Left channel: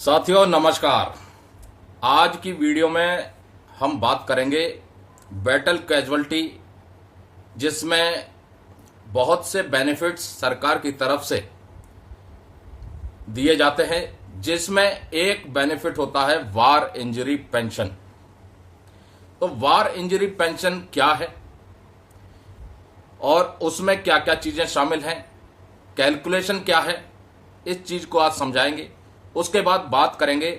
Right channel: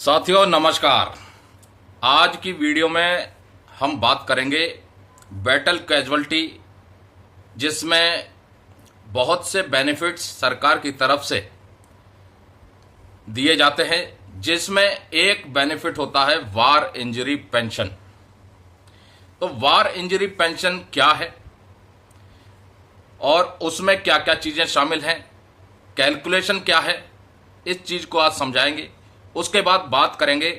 साथियों नमस्कार। आज की वीडियो में हम बात करेंगे बैटल कैजुअल्टी, जिसमें बहुत से बेनिफिट्स सरकार की तरफ से दिए जाते हैं, जिसमें एक बेनिफिट होता है वार इंजरी पेंशन। तो वार इंजरी पेंशन क्या है और उसमें क्या क्या चीजें शामिल हैं, कैलकुलेशन क्या है, इस चीज को आज समझाएंगे। उसके बाद बात करेंगे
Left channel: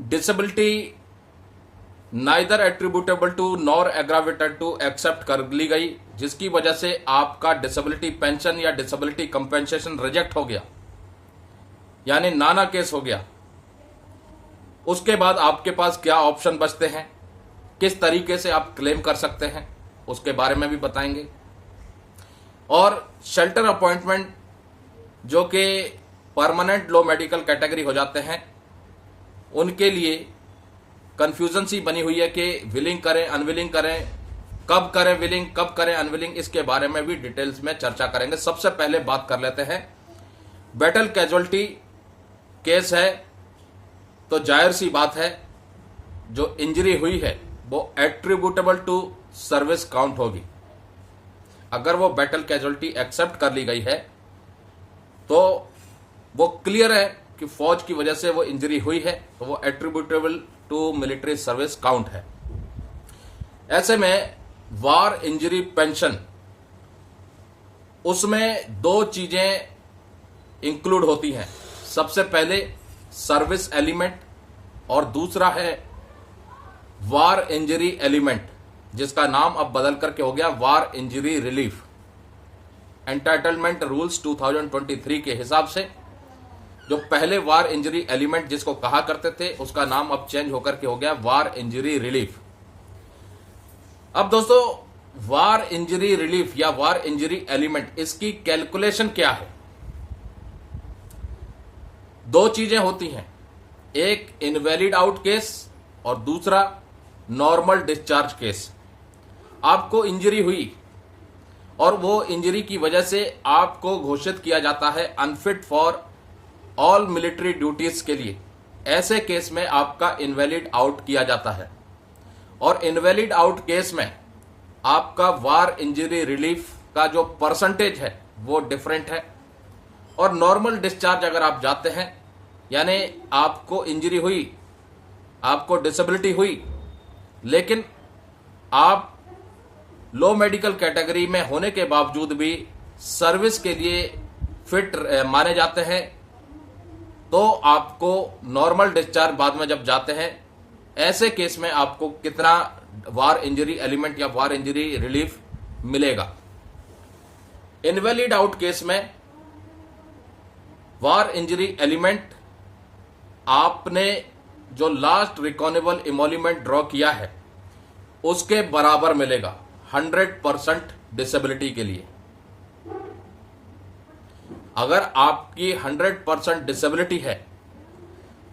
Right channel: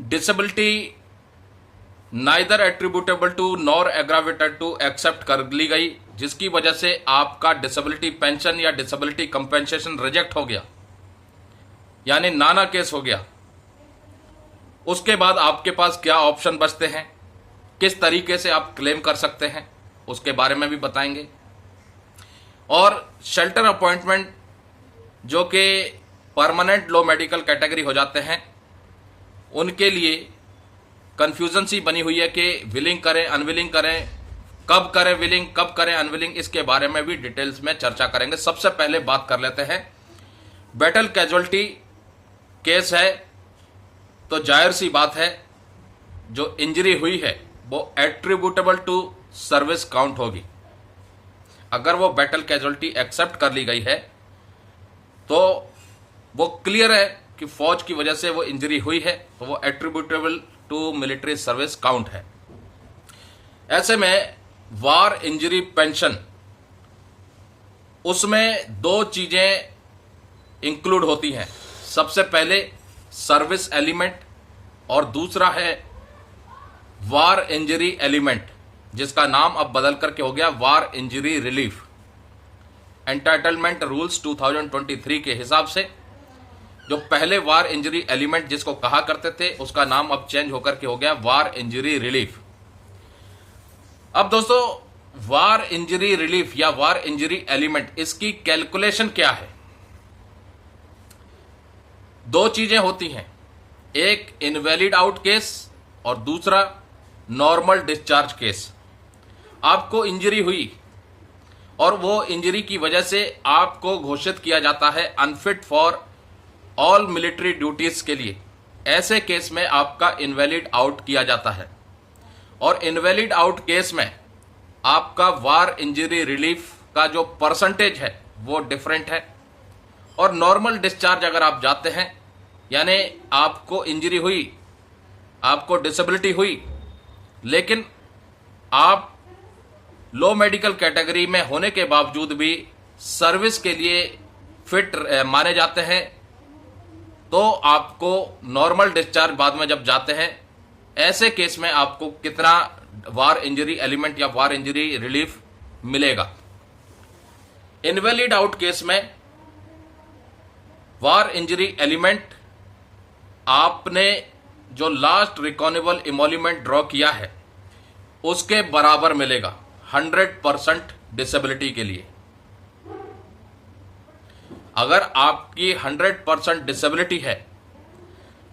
disability neither attributable to nor aggravated to accept कर ली गई, जिसकी वजह से आपका डिसेबिलिटी पेंशन या डिसेबिलिटी कंपेंसेशन रिजेक्ट हो गया, यानी नाना केस हो गया। उसके बाद आपके पास क्या ऑप्शन बचते हैं, किस तरीके से आप क्लेम कर सकते हैं, उसके बारे में भी बताएंगे। और शेल्टर अपॉइंटमेंट जो कि परमानेंट लो मेडिकल कैटेगरी हो जाते हैं, उनके लिए कंफ्यूजन सी बनी हुई है कि विलिंग करें अनविलिंग करें, कब करें विलिंग कब करें अनविलिंग, इसके बारे में भी डिटेल्स में चर्चा करेंगे। सबसे पहले बात कर लेते हैं बैटल कैजुअल्टी केस है, तो जाहिर सी बात है जो इंजरी हुई है वो एट्रीब्यूटेबल टू सर्विस काउंट होगी। अगर वो बैटल कैजुअल्टी एक्सेप्ट कर ली गई है तो वो क्लियर है कि फौज की वजह से वो इंजरी हुई है, तो वो attributable to military service count है। ऐसे में वार इंजरी पेंशन, उसमें दो चीजें इंक्लूड होती हैं। सबसे पहले सर्विस एलिमेंट और दूसरा है वार इंजरी एलिमेंट, जिसका नाम अब बदल करके हो गया वार इंजरी रिलीफ। एंटाइटलमेंट रूल्स 2023 के हिसाब से जो पहले वार इंजरी एलिमेंट जिसको कहा करते थे, उसका नाम अब चेंज होकर के हो गया वार इंजरी रिलीफ। अब दोस्तों, वार इंजरी रिलीफ या वार इंजरी एलिमेंट, इसकी कैलकुलेशन क्या है? दो चीजें होती हैं, एक इनवैलिड आउट केस और दूसरा नॉर्मल डिस्चार्ज केस। आपको इंजरी हुई और वो इंजरी की वजह से आपको घोषित किया जाता है unfit for all military duties के लिए। ऐसे केस में आपका इनवैलिड आउट किया जाता है और इनवैलिड आउट केस में आपका वार इंजरी रिलीफ का जो परसेंटेज है वो डिफरेंट है। और नॉर्मल डिस्चार्ज अगर आप जाते हैं, यानी आपको इंजरी हुई, आपको डिसेबिलिटी हुई, लेकिन आप लो मेडिकल कैटेगरी में होने के बावजूद भी सर्विस के लिए फिट माने जाते हैं, तो आपको नॉर्मल डिस्चार्ज बाद में जब जाते हैं, ऐसे केस में आपको कितना वार इंजरी एलिमेंट या वार इंजरी रिलीफ मिलेगा। इनवैलिड आउट केस में वार इंजरी एलिमेंट आपने जो लास्ट रिकॉनेबल इमोल्यूमेंट ड्रॉ किया है उसके बराबर मिलेगा 100% डिसेबिलिटी के लिए। अगर आपकी 100% डिसेबिलिटी है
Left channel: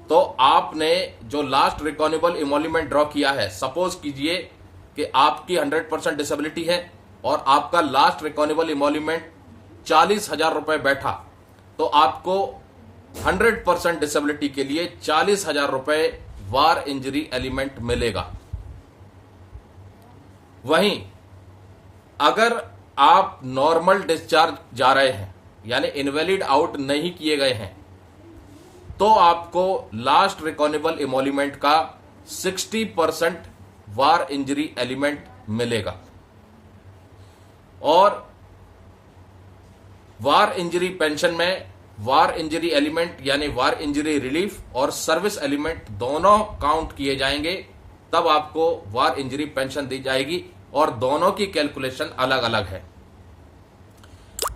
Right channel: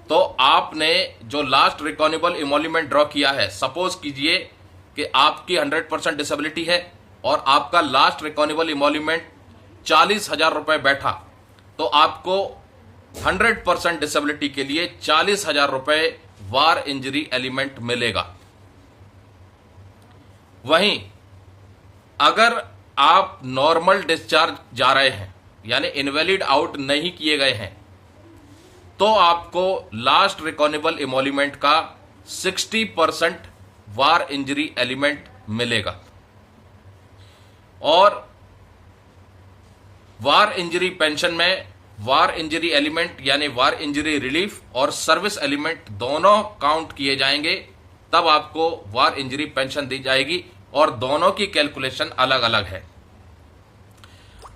तो आपने जो लास्ट रिकॉनेबल इमोल्यूमेंट ड्रॉ किया है, सपोज कीजिए कि आपकी 100% डिसेबिलिटी है और आपका लास्ट रिकॉनेबल इमोल्यूमेंट 40,000 रुपए बैठा, तो आपको 100% डिसेबिलिटी के लिए 40,000 रुपए वार इंजरी एलिमेंट मिलेगा। वहीं अगर आप नॉर्मल डिस्चार्ज जा रहे हैं, यानी इनवैलिड आउट नहीं किए गए हैं, तो आपको लास्ट रिकॉनेबल इमोल्यूमेंट का 60% वार इंजरी एलिमेंट मिलेगा। और वार इंजरी पेंशन में वार इंजरी एलिमेंट यानी वार इंजरी रिलीफ और सर्विस एलिमेंट दोनों काउंट किए जाएंगे, तब आपको वार इंजरी पेंशन दी जाएगी और दोनों की कैलकुलेशन अलग अलग है।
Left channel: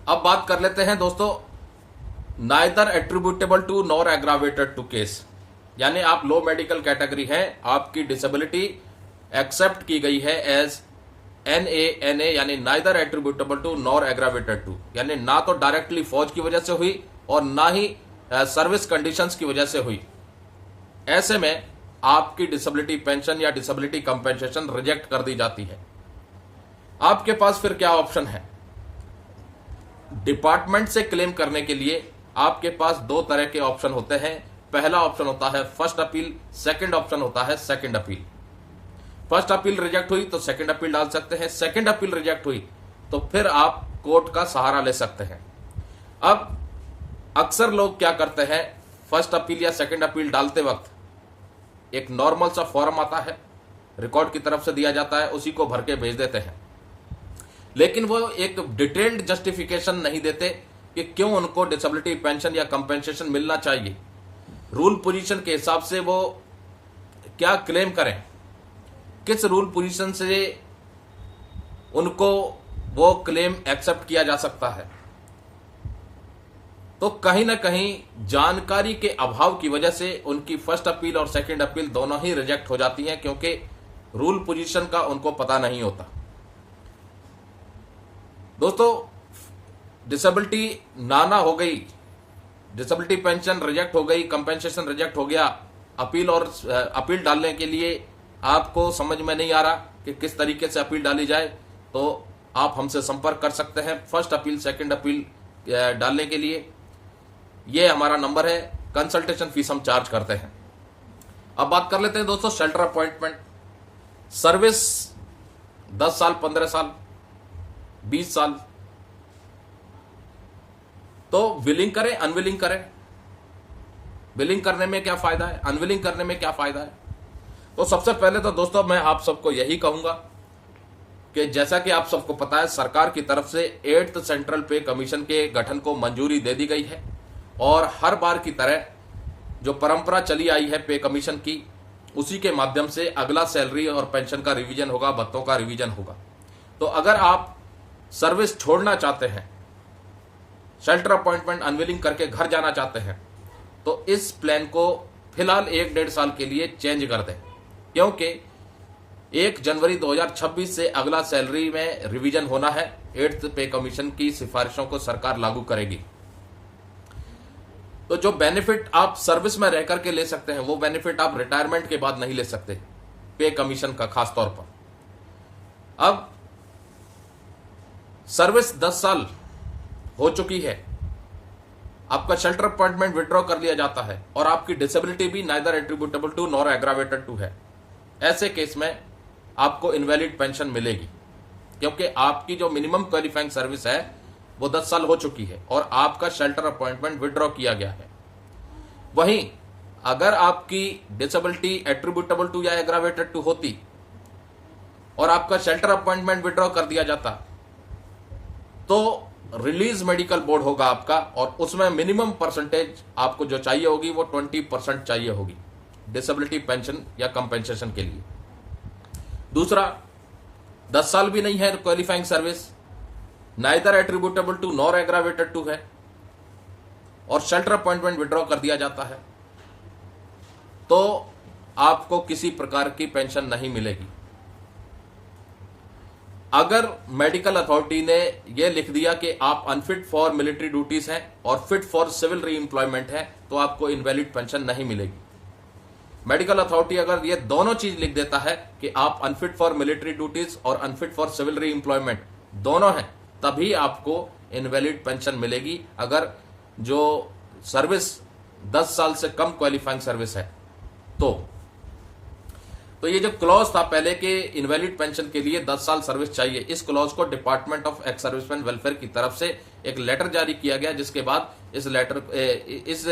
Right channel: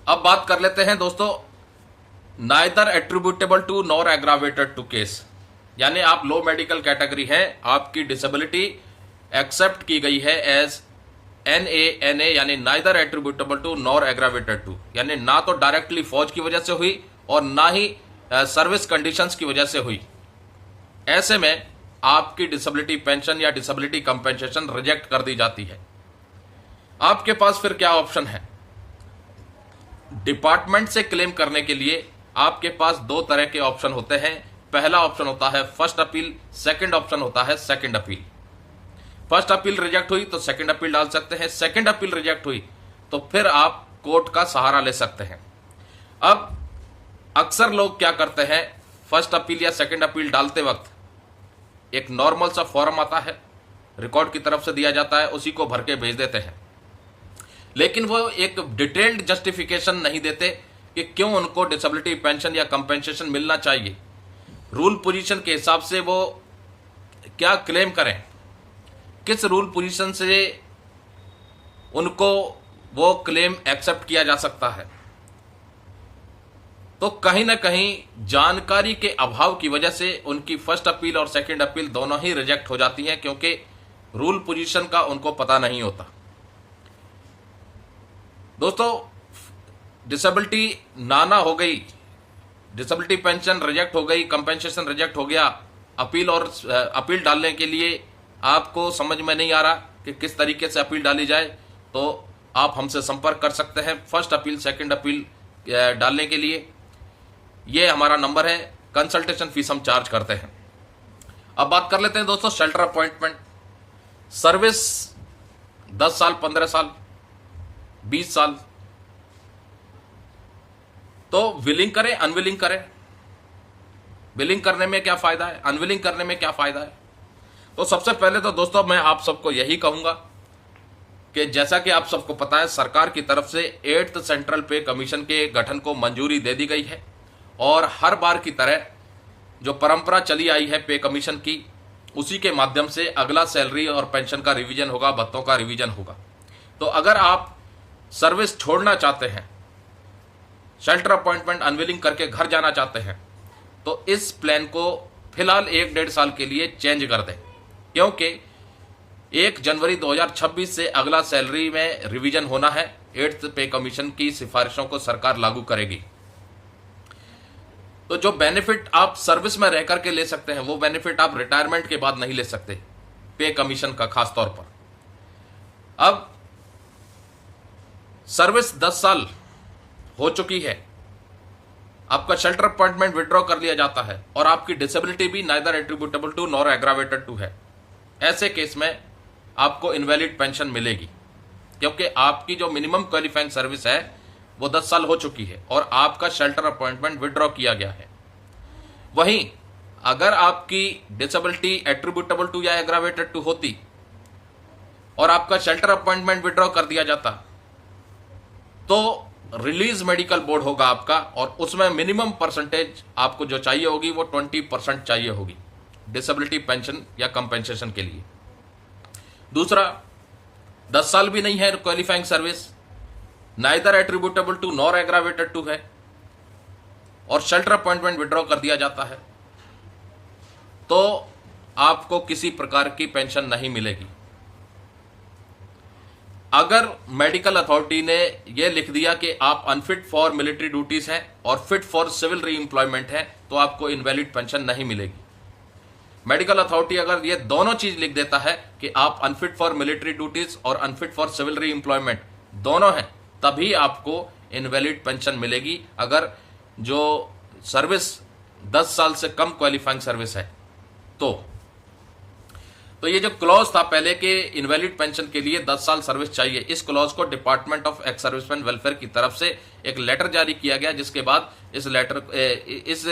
अब बात कर लेते हैं दोस्तों neither attributable to nor aggravated to case, यानी आप लो मेडिकल कैटेगरी है, आपकी डिसेबिलिटी एक्सेप्ट की गई है एज NA यानी neither attributable to nor aggravated to, यानी ना तो डायरेक्टली फौज की वजह से हुई और ना ही सर्विस कंडीशंस की वजह से हुई। ऐसे में आपकी डिसेबिलिटी पेंशन या डिसेबिलिटी कंपेंसेशन रिजेक्ट कर दी जाती है। आपके पास फिर क्या ऑप्शन है? डिपार्टमेंट से क्लेम करने के लिए आपके पास दो तरह के ऑप्शन होते हैं। पहला ऑप्शन होता है फर्स्ट अपील, सेकंड ऑप्शन होता है second appeal. First appeal reject हुई तो सेकंड अपील डाल सकते हैं, सेकंड अपील रिजेक्ट हुई तो फिर आप कोर्ट का सहारा ले सकते हैं। अब अक्सर लोग क्या करते हैं, फर्स्ट अपील या सेकंड अपील डालते वक्त एक नॉर्मल सा फॉर्म आता है, रिकॉर्ड की तरफ से दिया जाता है, उसी को भर के भेज देते हैं, लेकिन वो एक डिटेल्ड जस्टिफिकेशन नहीं देते कि क्यों उनको डिसेबिलिटी पेंशन या कंपेंसेशन मिलना चाहिए। रूल पोजीशन के हिसाब से वो क्या क्लेम करें, किस रूल पोजीशन से उनको वो क्लेम एक्सेप्ट किया जा सकता है। तो कहीं ना कहीं जानकारी के अभाव की वजह से उनकी फर्स्ट अपील और सेकंड अपील दोनों ही रिजेक्ट हो जाती हैं, क्योंकि रूल पोजीशन का उनको पता नहीं होता। दोस्तों, डिसेबिलिटी नाना हो गई, डिसेबिलिटी पेंशन रिजेक्ट हो गई, कंपेंसेशन रिजेक्ट हो गया, अपील और अपील डालने के लिए आपको समझ में नहीं आ रहा कि किस तरीके से अपील डाली जाए, तो आप हमसे संपर्क कर सकते हैं फर्स्ट अपील सेकंड अपील डालने के लिए। ये हमारा नंबर है, कंसल्टेशन फीस हम चार्ज करते हैं। अब बात कर लेते हैं दोस्तों शेल्टर अपॉइंटमेंट। सर्विस 10 साल, 15 साल, 20 साल, तो विलिंग करें अनविलिंग करें। विलिंग करने में क्या फायदा है, अनविलिंग करने में क्या फायदा है? तो सबसे पहले तो दोस्तों मैं आप सबको यही कहूंगा कि जैसा कि आप सबको पता है, सरकार की तरफ से 8th सेंट्रल पे कमीशन के गठन को मंजूरी दे दी गई है और हर बार की तरह जो परंपरा चली आई है पे कमीशन की, उसी के माध्यम से अगला सैलरी और पेंशन का रिवीजन होगा, भत्तों का रिवीजन होगा। तो अगर आप सर्विस छोड़ना चाहते हैं, शेल्टर अपॉइंटमेंट अनविलिंग करके घर जाना चाहते हैं, तो इस प्लान को फिलहाल 1-1.5 साल के लिए चेंज कर दें, क्योंकि 1 जनवरी 2026 से अगला सैलरी में रिवीजन होना है। 8th पे कमीशन की सिफारिशों को सरकार लागू करेगी। तो जो बेनिफिट आप सर्विस में रह करके ले सकते हैं, वो बेनिफिट आप रिटायरमेंट के बाद नहीं ले सकते, पे कमीशन का खास तौर पर। अब सर्विस 10 साल हो चुकी है, आपका शेल्टर अपॉइंटमेंट विड्रॉ कर लिया जाता है और आपकी डिसेबिलिटी भी neither attributable to nor aggravated to है। ऐसे केस में आपको इनवैलिड पेंशन मिलेगी, क्योंकि आपकी जो मिनिमम क्वालिफाइंग सर्विस है वो 10 साल हो चुकी है और आपका शेल्टर अपॉइंटमेंट विड्रॉ किया गया है। वहीं अगर आपकी डिसेबिलिटी एट्रीब्यूटेबल टू या एग्रावेटेड टू होती और आपका शेल्टर अपॉइंटमेंट विड्रॉ कर दिया जाता, तो रिलीज मेडिकल बोर्ड होगा आपका और उसमें मिनिमम परसेंटेज आपको जो चाहिए होगी वो 20% चाहिए होगी डिसेबिलिटी पेंशन या कंपेंसेशन के लिए। दूसरा, 10 साल भी नहीं है qualifying service, neither attributable to nor aggravated to है और शेल्टर अपॉइंटमेंट विड्रॉ कर दिया जाता है, तो आपको किसी प्रकार की पेंशन नहीं मिलेगी। अगर मेडिकल अथॉरिटी ने यह लिख दिया कि आप अनफिट फॉर मिलिट्री ड्यूटीज हैं और फिट फॉर सिविल री एम्प्लॉयमेंट है, तो आपको इनवैलिड पेंशन नहीं मिलेगी। मेडिकल अथॉरिटी अगर ये दोनों चीज लिख देता है कि आप अनफिट फॉर मिलिट्री ड्यूटीज और अनफिट फॉर सिविल री एम्प्लॉयमेंट दोनों हैं, तभी आपको इनवैलिड पेंशन मिलेगी। अगर जो सर्विस 10 साल से कम क्वालिफाइंग सर्विस है तो ये जो क्लॉज था पहले के इनवैलिड पेंशन के लिए 10 साल सर्विस चाहिए, इस क्लॉज को department of ex serviceman welfare की तरफ से एक लेटर जारी किया गया, जिसके बाद इस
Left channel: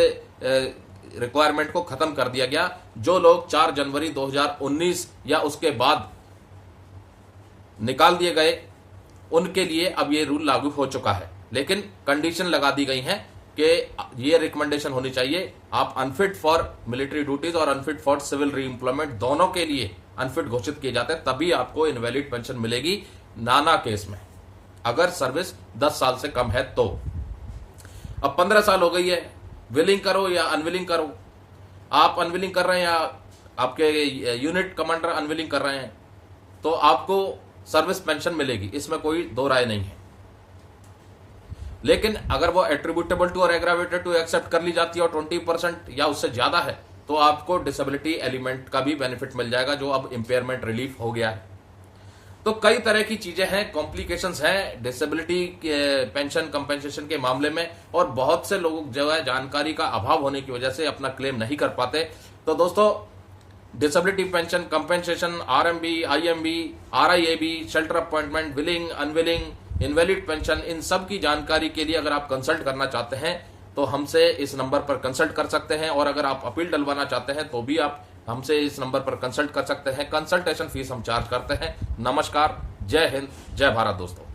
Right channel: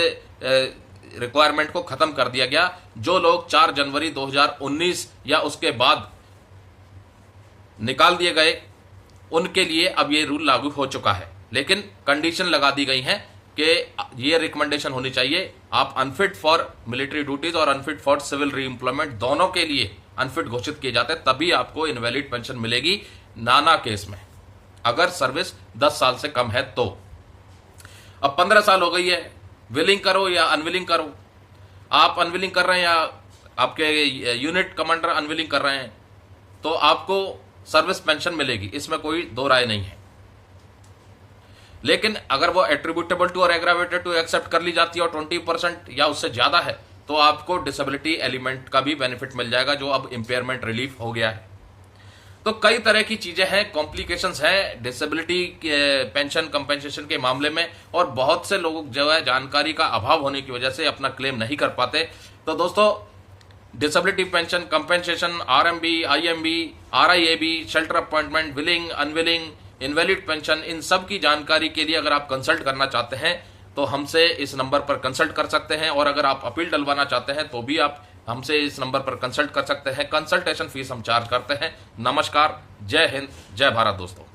रिक्वायरमेंट को खत्म कर दिया गया। जो लोग 4 जनवरी 2019 या उसके बाद निकाल दिए गए, उनके लिए अब ये रूल लागू हो चुका है, लेकिन कंडीशन लगा दी गई है कि ये रिकमेंडेशन होनी चाहिए, आप अनफिट फॉर मिलिट्री ड्यूटीज और अनफिट फॉर सिविल री एम्प्लॉयमेंट दोनों के लिए अनफिट घोषित किए जाते हैं, तभी आपको इनवैलिड पेंशन मिलेगी। नाना केस में अगर सर्विस 10 साल से कम है तो। अब 15 साल हो गई है, विलिंग करो या अनविलिंग करो, आप अनविलिंग कर रहे हैं या आपके यूनिट कमांडर अनविलिंग कर रहे हैं, तो आपको सर्विस पेंशन मिलेगी, इसमें कोई दो राय नहीं है। लेकिन अगर वो एट्रीब्यूटेबल टू और एग्रावेटेड टू एक्सेप्ट कर ली जाती है और 20% या उससे ज्यादा है, तो आपको डिसेबिलिटी एलिमेंट का भी बेनिफिट मिल जाएगा, जो अब इंपेयरमेंट रिलीफ हो गया है। तो कई तरह की चीजें हैं, कॉम्प्लिकेशंस हैं डिसेबिलिटी पेंशन कंपेंसेशन के मामले में, और बहुत से लोग जो है जानकारी का अभाव होने की वजह से अपना क्लेम नहीं कर पाते। तो दोस्तों, disability pension compensation, RMB, IMB, RIAB, shelter appointment, willing, unwilling, invalid pension, इन सब की जानकारी के लिए अगर आप कंसल्ट करना चाहते हैं तो हमसे इस नंबर पर कंसल्ट कर सकते हैं, और अगर आप अपील डलवाना चाहते हैं तो भी आप हमसे इस नंबर पर कंसल्ट कर सकते हैं। कंसल्टेशन फीस हम चार्ज करते हैं। नमस्कार, जय हिंद, जय भारत दोस्तों।